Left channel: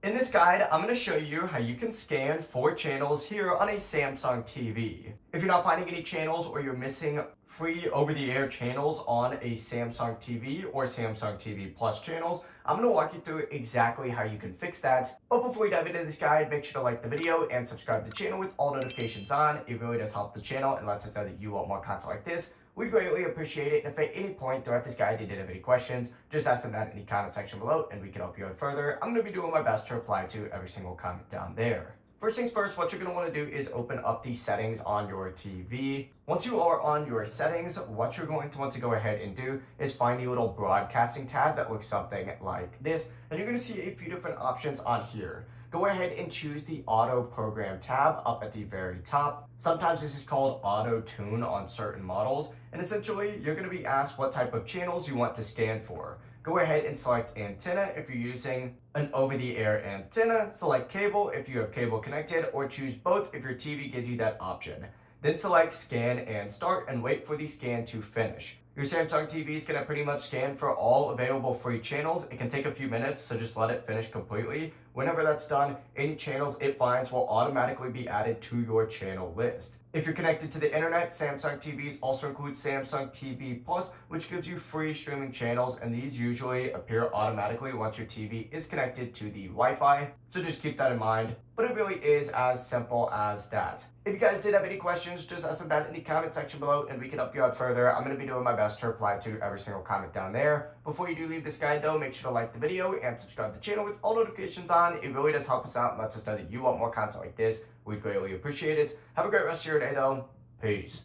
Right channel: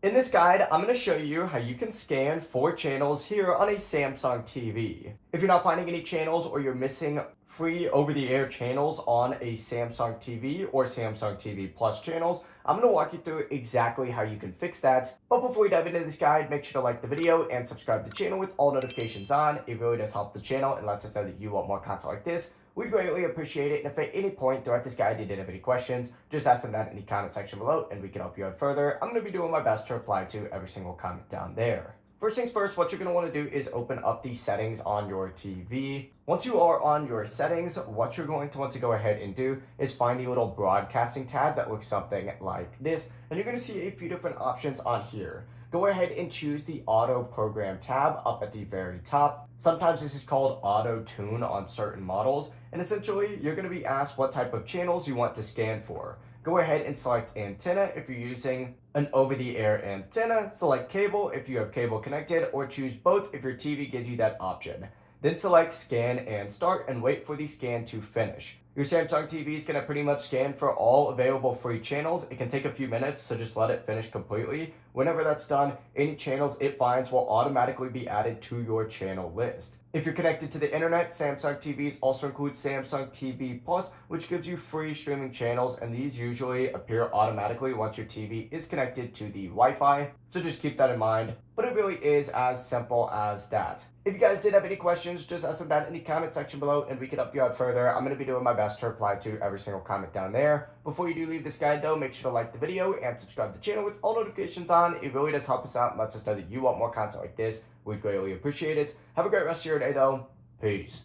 In this guide, I'm going to show you how you can scan 4 channels here on a Samsung TV. If you're not finding any channels or you're missing free over-the-air channels on a Samsung TV or Samsung TV Plus channels, I'm going to walk you through exactly how you can fix that. But before we dive into this guide, make sure to like the video and subscribe to the channel with all notifications on. It really does help the channel and lets us know that you want more content like this. We'd greatly appreciate it. And if at any point throughout this guide you did have any questions, just ask them that in the comment section below and we can help you out further. I'm going to be doing my best to reply to every single comment down there. First things first, what you're going to want to do is open up the settings on your TV. Once you are on your settings, what you're going to want to go ahead and do is find the little broadcasting tab that looks something like this. And you're going to see a few different options on here. Go ahead and choose the auto program tab up at the very top. Sometimes this is called auto tune on certain models. And essentially, you're going to be asked what type of channels you want to scan for. Go ahead and select antenna if you're using an over-the-air antenna. Select cable if you have cable connected, or choose both if your TV gives you that option. Then select scan and start and wait for the scan to finish. Your Samsung TV is going to pretty much scan for all available free channels. It can take a few minutes, so just let it finish completely. Whenever that's done, any channels it finds will automatically be added to your channel list. If you're connected to the internet, Samsung TVs also include Samsung TV Plus, which gives you free streaming channels, and these usually appear automatically once your TV is connected to the Wi-Fi. So just keep that in mind. But it really is as simple as that. If you guys did have any questions, just ask them down in the comment section below and we can help you out further. I'm going to be doing my best to reply to every single comment down there. Before you do leave this guide though, make sure to like the video and subscribe to the channel with all notifications on. It really does help us out and lets us know that you want more content like this. We'd greatly appreciate it. Have a great rest of your day though. Peace.